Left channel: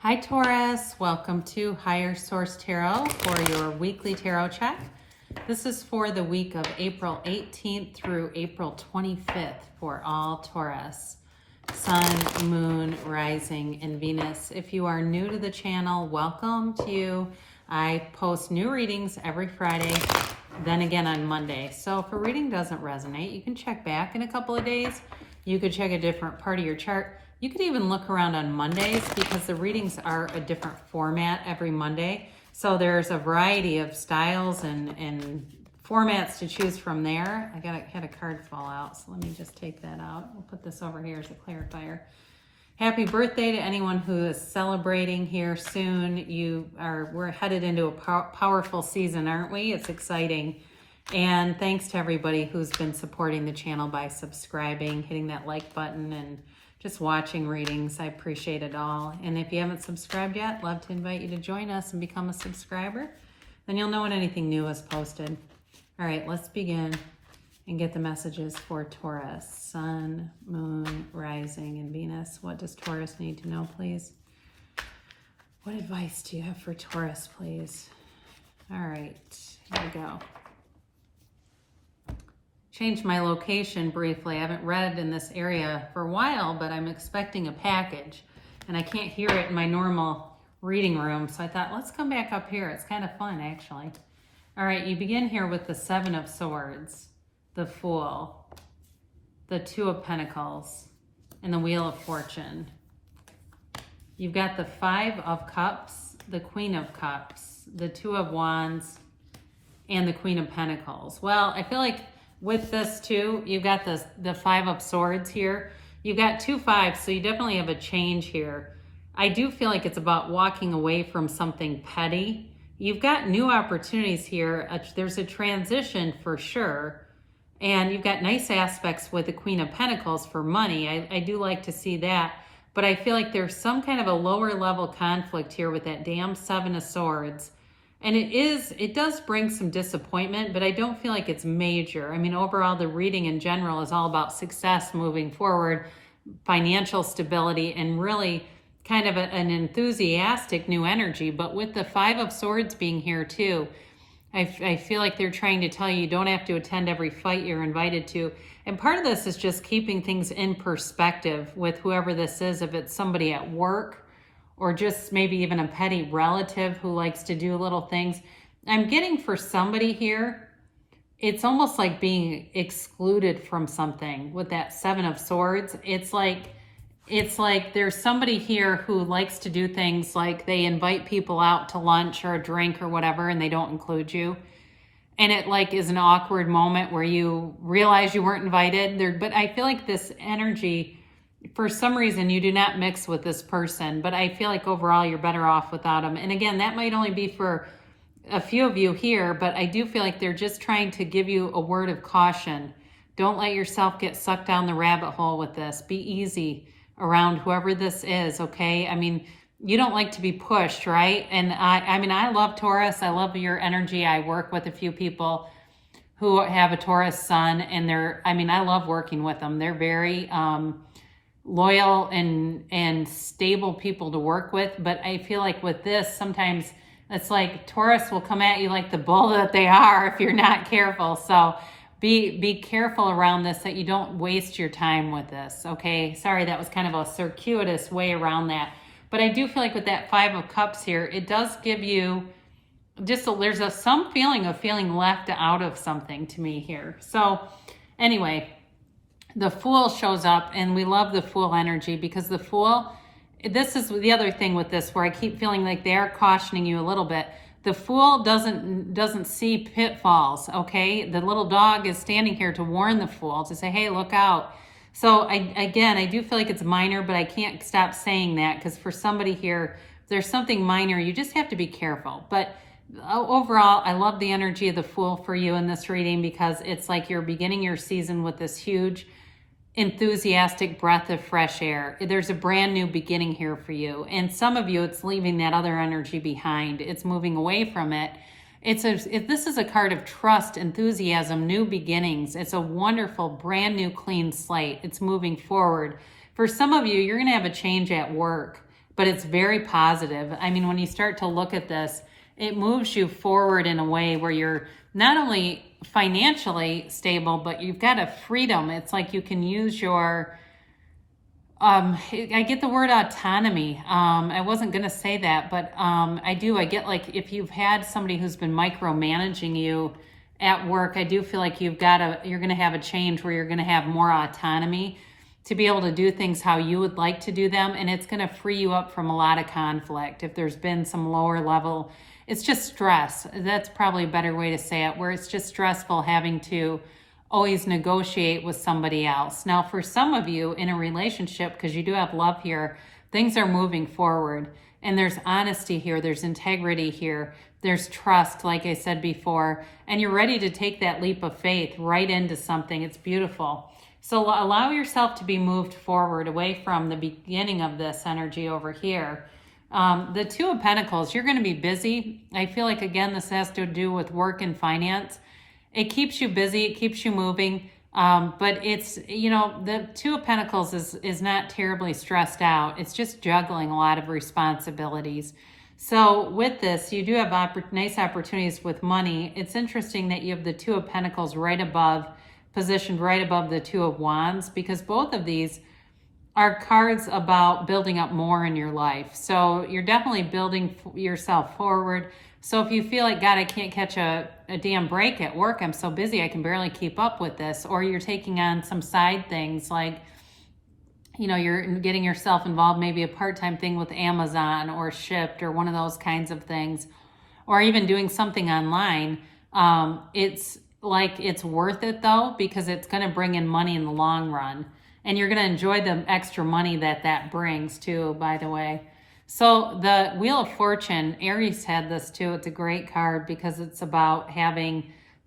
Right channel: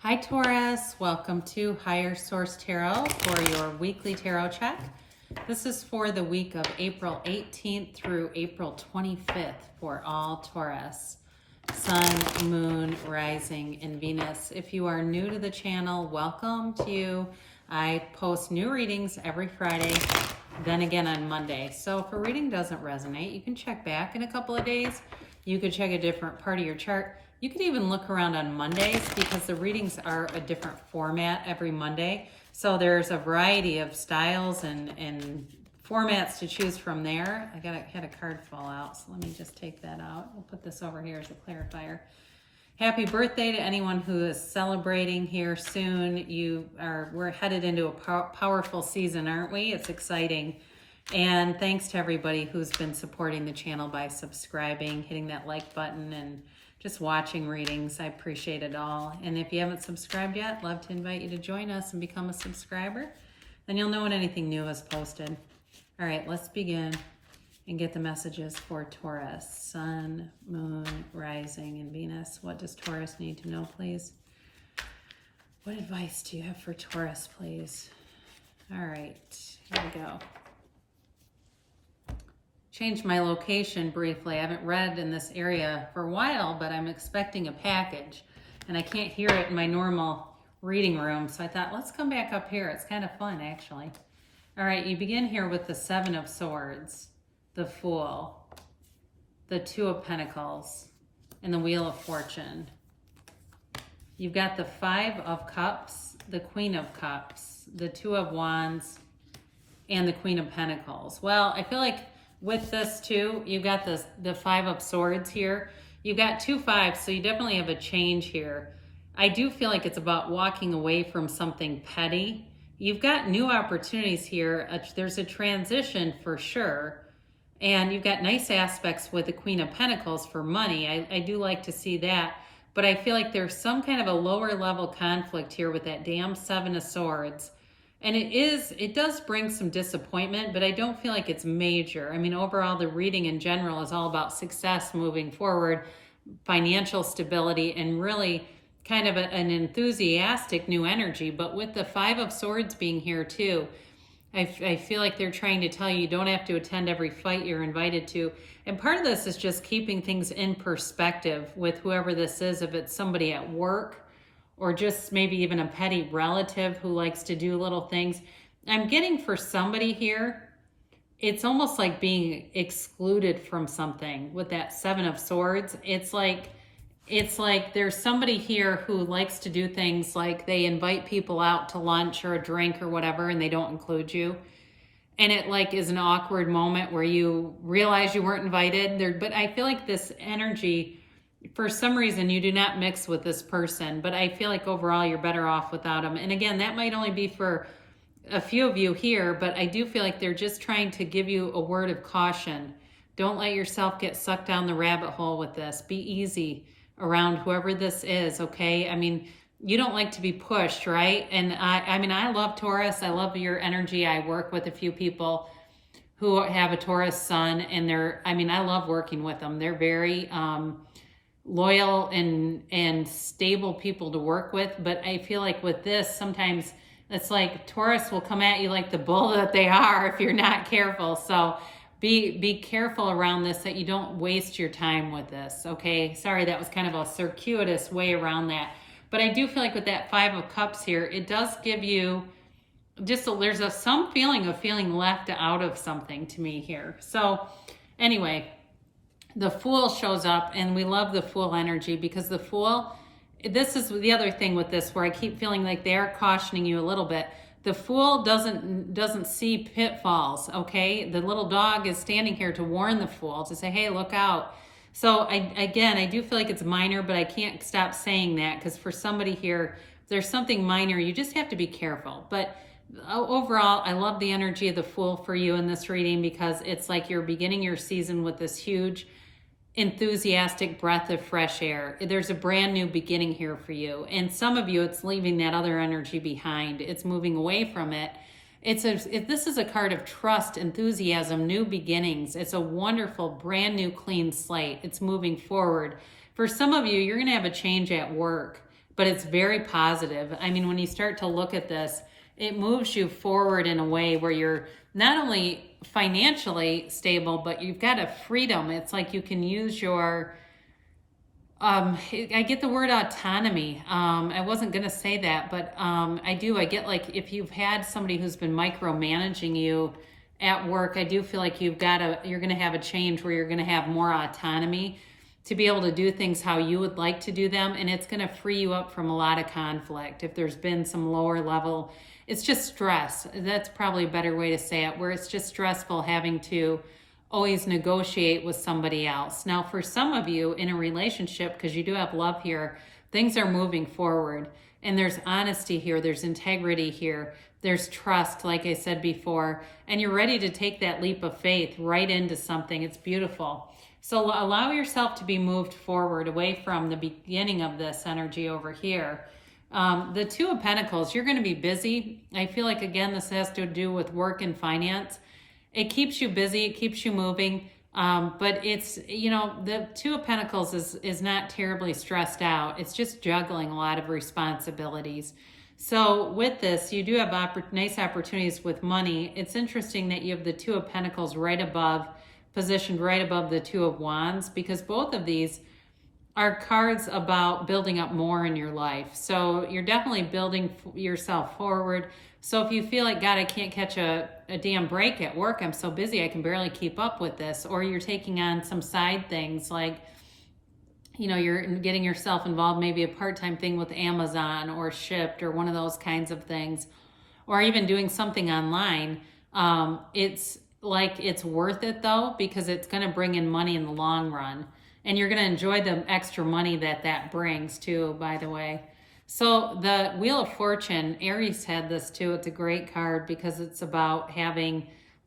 Hi Taurus, welcome to Higher Source Tarot for your weekly tarot check. This is for the week of April 18th through April 25th for all Taurus. Sun, Moon, Rising, and Venus. If you are new to the channel, welcome to you. I post new readings every Friday, then again on Monday. So if a reading doesn't resonate, you can check back in a couple of days. You could check a different part of your chart. You could even look around on Mondays because the readings are a different format every Monday. So there's a variety of styles and formats to choose from there. Had a card fall out, so let me just take that out. We'll put this over here as a clarifier. Happy birthday to anyone who is celebrating here soon. We're headed into a powerful season, aren't we? It's exciting. And thanks to everybody who's been supporting the channel by subscribing, hitting that like button, and just watching readings. I appreciate it all. And if you haven't subscribed yet, love to invite you to join us and become a subscriber. Then you'll know when anything new is posted. All right, let's begin and get the messages for Taurus. Sun, Moon, Rising, and Venus. What does Taurus need to know, please? What advice do you have for Taurus, please? All right, here we go. Changed my location briefly. I haven't read in this area for a while, but I'm expecting a package and I can't hear it in my normal reading room. So I thought, let's come back up here. It's kind of fun, actually. All right, you begin here with the Seven of Swords, the Fool, the Two of Pentacles, and the Wheel of Fortune. You've got the Five of Cups, the Queen of Cups, the Two of Wands, and the Queen of Pentacles. Well, I feel like with this too, you've got the Five of Swords here. You've got two fives, so you definitely have a change here. I do feel like it's about walking away from something petty. You've got new opportunities here. There's a transition for sure. And you've got nice aspects with the Queen of Pentacles for money. I do like to see that. But I feel like there's some kind of a lower level conflict here with that damn Seven of Swords. And it does bring some disappointment, but I don't feel like it's major. I mean, overall, the reading in general is all about success moving forward, financial stability, and really kind of an enthusiastic new energy. But with the Five of Swords being here too, I feel like they're trying to tell you don't have to attend every fight you're invited to. And part of this is just keeping things in perspective with whoever this is, if it's somebody at work, or just maybe even a petty relative who likes to do little things. I'm getting for somebody here, it's almost like being excluded from something with that Seven of Swords. It's like there's somebody here who likes to do things like they invite people out to lunch or a drink or whatever, and they don't include you. And it like is an awkward moment where you realize you weren't invited there. But I feel like this energy, for some reason, you do not mix with this person, but I feel like overall you're better off without them. And again, that might only be for a few of you here, but I do feel like they're just trying to give you a word of caution. Don't let yourself get sucked down the rabbit hole with this. Be easy around whoever this is, okay? I mean, you don't like to be pushed, right? And I mean, I love Taurus. I love your energy. I work with a few people who have a Taurus sun, and I love working with them. They're very loyal and stable people to work with. But I feel like with this, sometimes it's like Taurus will come at you like the bull that they are if you're not careful. So be careful around this, that you don't waste your time with this, okay? Sorry, that was kind of a circuitous way around that. But I do feel like with that Five of Cups here, it does give you there's some feeling of feeling left out of something to me here. So anyway, the Fool shows up, and we love the Fool energy because the Fool, this is the other thing with this where I keep feeling like they are cautioning you a little bit. The Fool doesn't see pitfalls, okay? The little dog is standing here to warn the Fool, to say, hey, look out. So I do feel like it's minor, but I can't stop saying that because for somebody here, there's something minor. You just have to be careful. But overall, I love the energy of the Fool for you in this reading because it's like you're beginning your season with this huge enthusiastic breath of fresh air. There's a brand new beginning here for you. And some of you, it's leaving that other energy behind. It's moving away from it. This is a card of trust, enthusiasm, new beginnings. It's a wonderful, brand new, clean slate. It's moving forward. For some of you, you're going to have a change at work. but it's very positive. I mean, when you start to look at this, it moves you forward in a way where you're not only financially stable, but you've got a freedom. It's like you can use your, I get the word autonomy. I wasn't going to say that, but I do. I get like if you've had somebody who's been micromanaging you at work, I do feel like you're going to have a change where you're going to have more autonomy to be able to do things how you would like to do them. And it's going to free you up from a lot of conflict. If there's been some lower level, it's just stress. That's probably a better way to say it, where it's just stressful having to always negotiate with somebody else. Now, for some of you in a relationship, because you do have love here, things are moving forward and there's honesty here. There's integrity here. There's trust, like I said before, and you're ready to take that leap of faith right into something. It's beautiful. So allow yourself to be moved forward away from the beginning of this energy over here. The Two of Pentacles, you're going to be busy. I feel like, again, this has to do with work and finance. It keeps you busy. It keeps you moving. But it's, you know, the Two of Pentacles is not terribly stressed out. It's just juggling a lot of responsibilities. So with this, you do have nice opportunities with money. It's interesting that you have the Two of Pentacles positioned right above the Two of Wands, because both of these are cards about building up more in your life. So you're definitely building yourself forward. So if you feel like, God, I can't catch a damn break at work, I'm so busy, I can barely keep up with this, or you're taking on some side things like, you know, you're getting yourself involved, maybe a part-time thing with Amazon or Shipt or one of those kinds of things, or even doing something online, it's like it's worth it though, because it's going to bring in money in the long run. And you're going to enjoy the extra money that brings too, by the way. So the Wheel of Fortune, Aries had this too. It's a great card because it's about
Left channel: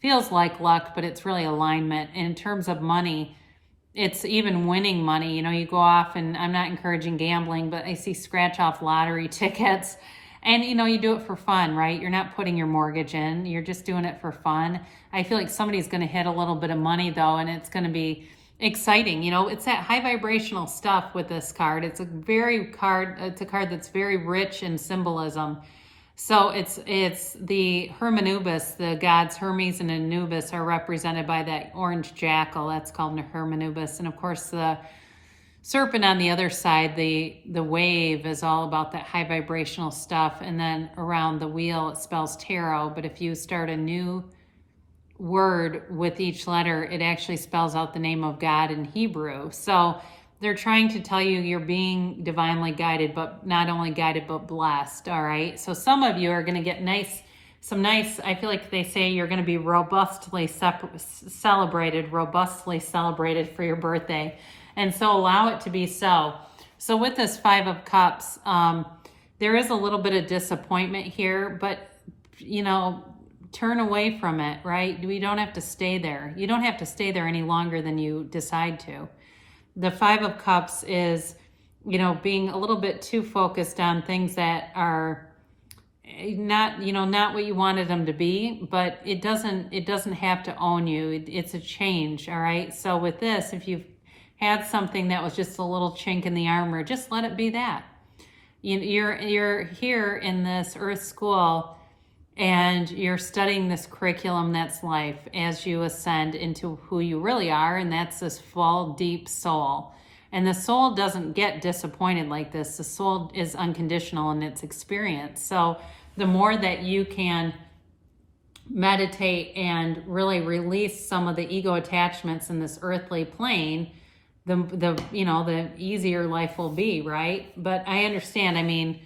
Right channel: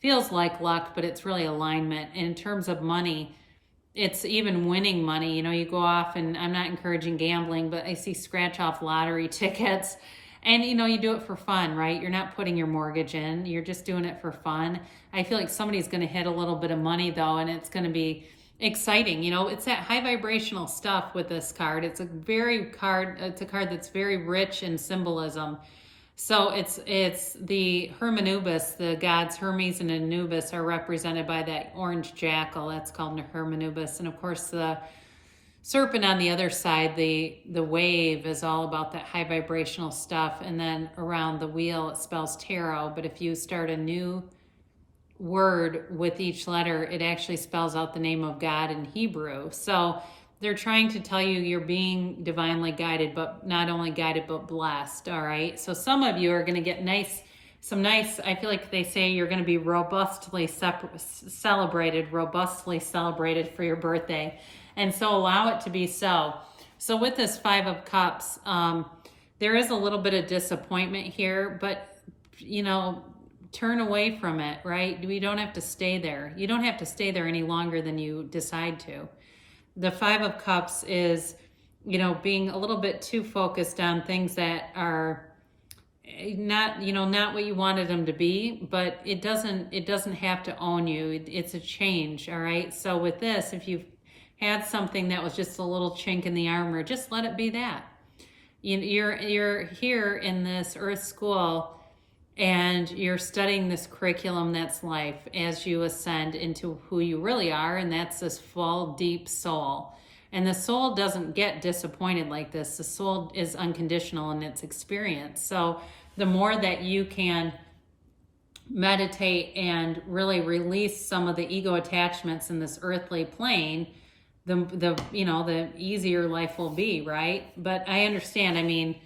feels like luck, but it's really alignment. And in terms of money, it's even winning money. You know, you go off, and I'm not encouraging gambling, but I see scratch off lottery tickets. And, you know, you do it for fun, right? You're not putting your mortgage in. You're just doing it for fun. I feel like somebody's going to hit a little bit of money, though, and it's going to be exciting. You know, it's that high vibrational stuff with this card. It's a card that's very rich in symbolism. So it's the Hermanubis, the gods Hermes and Anubis are represented by that orange jackal. That's called Hermanubis. And of course, the serpent on the other side, the wave, is all about that high vibrational stuff. And then around the wheel, it spells tarot. But if you start a new word with each letter, it actually spells out the name of God in Hebrew. So they're trying to tell you you're being divinely guided, but not only guided, but blessed. All right. So some of you are going to get some nice, I feel like they say you're going to be robustly celebrated for your birthday. And so allow it to be so. So with this Five of Cups, there is a little bit of disappointment here, but, you know, turn away from it, right? We don't have to stay there. You don't have to stay there any longer than you decide to. The Five of Cups is, you know, being a little bit too focused on things that are not, you know, not what you wanted them to be, but it doesn't have to own you. It's a change, all right? So with this, if you've had something that was just a little chink in the armor, just let it be that. You're here in this Earth School, and you're studying this curriculum that's life as you ascend into who you really are, and that's this full, deep soul. And the soul doesn't get disappointed like this. The soul is unconditional in its experience. So the more that you can meditate and really release some of the ego attachments in this earthly plane, the easier life will be, right? But I understand, I mean,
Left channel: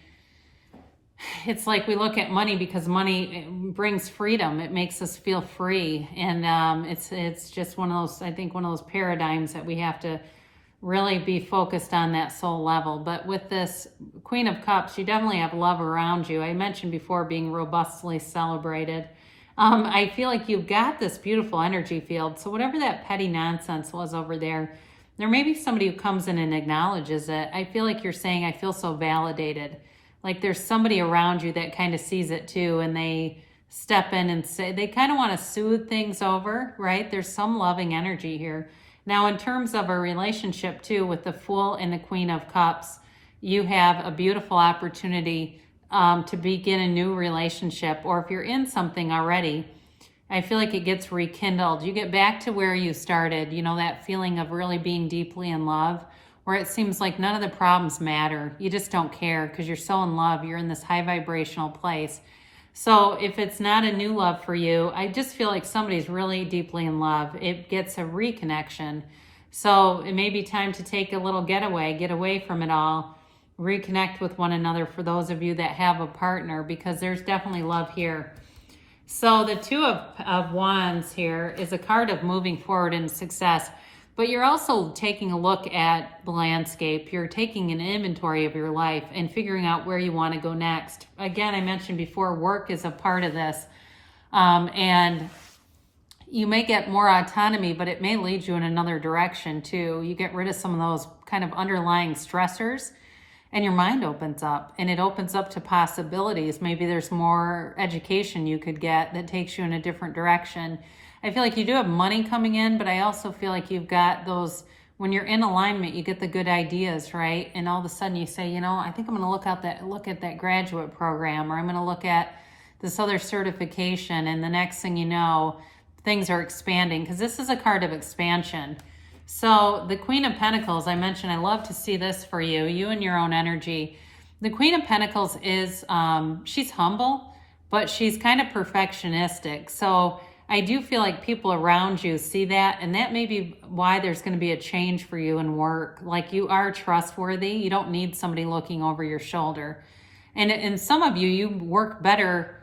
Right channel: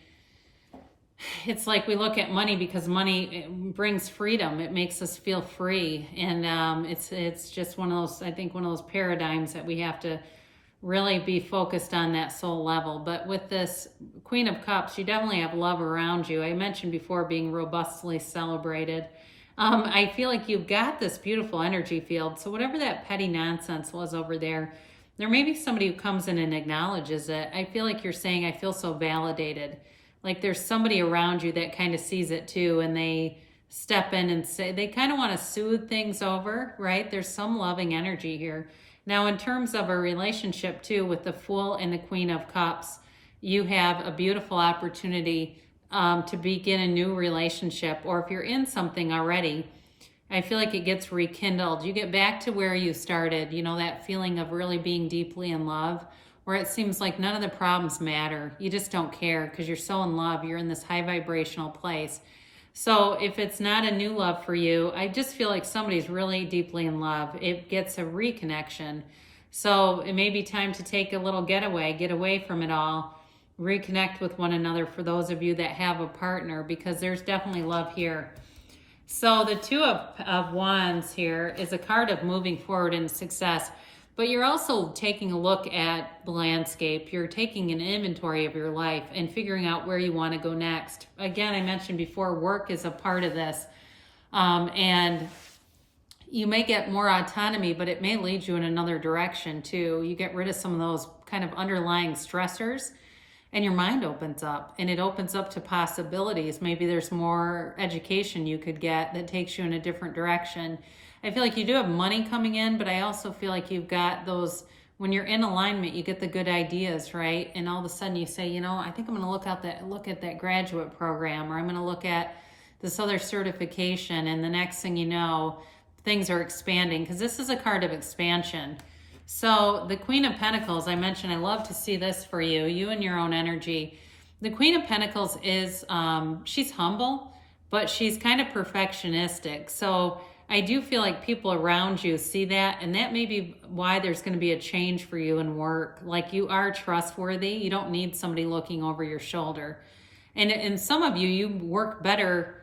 it's like we look at money because money brings freedom. It makes us feel free. And it's just one of those paradigms that we have to really be focused on that soul level. But with this Queen of Cups, you definitely have love around you. I mentioned before being robustly celebrated. I feel like you've got this beautiful energy field. So whatever that petty nonsense was over there may be somebody who comes in and acknowledges it. I feel like you're saying, I feel so validated. Like there's somebody around you that kind of sees it too, and they step in and say, they kind of want to soothe things over, right? There's some loving energy here. Now, in terms of a relationship too, with the Fool and the Queen of Cups, you have a beautiful opportunity to begin a new relationship. Or if you're in something already, I feel like it gets rekindled. You get back to where you started, you know, that feeling of really being deeply in love, where it seems like none of the problems matter. You just don't care because you're so in love. You're in this high vibrational place. So if it's not a new love for you, I just feel like somebody's really deeply in love. It gets a reconnection. So it may be time to take a little getaway, get away from it all, reconnect with one another for those of you that have a partner, because there's definitely love here. So the Two of Wands here is a card of moving forward in success, but you're also taking a look at the landscape. You're taking an inventory of your life and figuring out where you want to go next. Again, I mentioned before, work is a part of this. And you may get more autonomy, but it may lead you in another direction too. You get rid of some of those kind of underlying stressors, and your mind opens up, and it opens up to possibilities. Maybe there's more education you could get that takes you in a different direction. I feel like you do have money coming in, but I also feel like you've got those, when you're in alignment, you get the good ideas, right? And all of a sudden you say, you know, I think I'm going to look at that graduate program, or I'm going to look at this other certification. And the next thing you know, things are expanding, because this is a card of expansion. So the Queen of Pentacles, I mentioned, I love to see this for you, you and your own energy. The Queen of Pentacles is, she's humble, but she's kind of perfectionistic. So I do feel like people around you see that, and that may be why there's going to be a change for you in work. Like, you are trustworthy. You don't need somebody looking over your shoulder. And some of you, you work better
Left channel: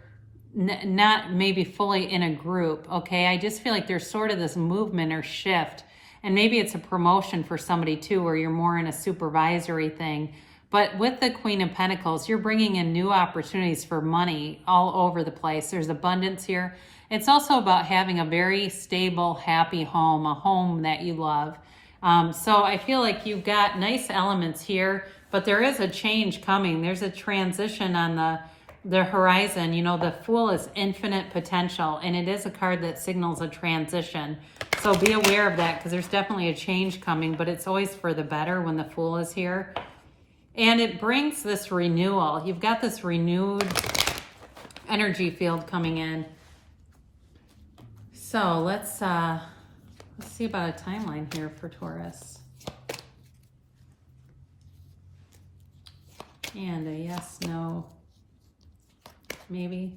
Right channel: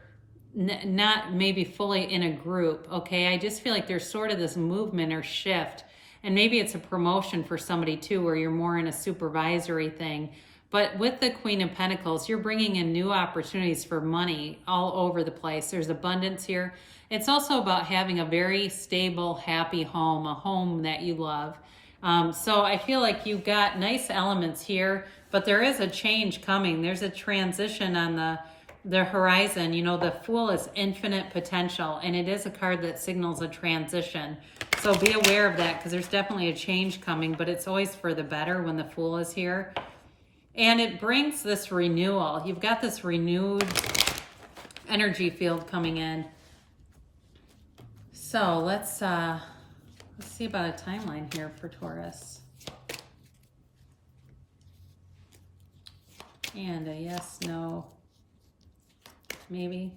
not maybe fully in a group, okay? I just feel like there's sort of this movement or shift. And maybe it's a promotion for somebody too, where you're more in a supervisory thing. But with the Queen of Pentacles, you're bringing in new opportunities for money all over the place. There's abundance here. It's also about having a very stable, happy home, a home that you love. So I feel like you've got nice elements here, but there is a change coming. There's a transition on the horizon. You know, the Fool is infinite potential, and it is a card that signals a transition. So be aware of that, because there's definitely a change coming, but it's always for the better when the Fool is here. And it brings this renewal. You've got this renewed energy field coming in. So let's see about a timeline here for Taurus. And a yes, no, maybe.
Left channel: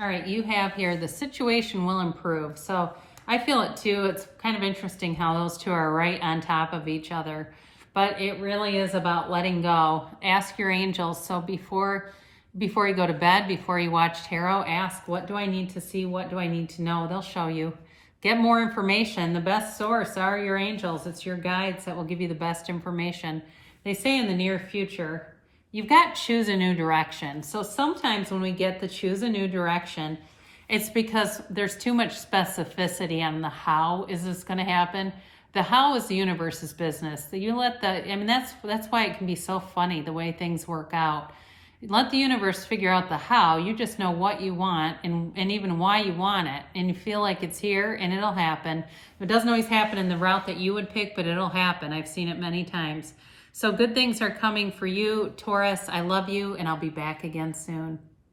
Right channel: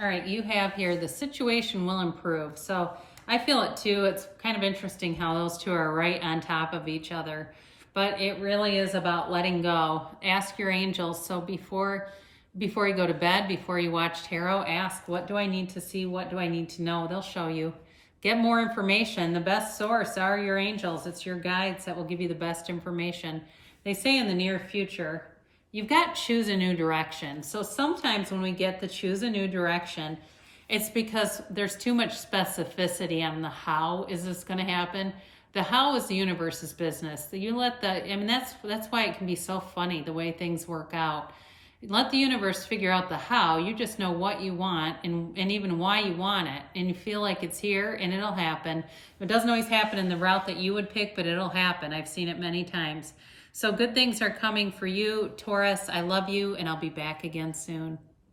All right, you have here, the situation will improve. So I feel it too. It's kind of interesting how those two are right on top of each other. But it really is about letting go. Ask your angels. So before you go to bed, before you watch tarot, ask, what do I need to see? What do I need to know? They'll show you. Get more information. The best source are your angels. It's your guides that will give you the best information. They say in the near future, you've got choose a new direction. So sometimes when we get the choose a new direction, it's because there's too much specificity on the how is this going to happen. The how is the universe's business. That's why it can be so funny the way things work out. Let the universe figure out the how. You just know what you want and even why you want it. And you feel like it's here and it'll happen. It doesn't always happen in the route that you would pick, but it'll happen. I've seen it many times. So good things are coming for you, Taurus. I love you, and I'll be back again soon.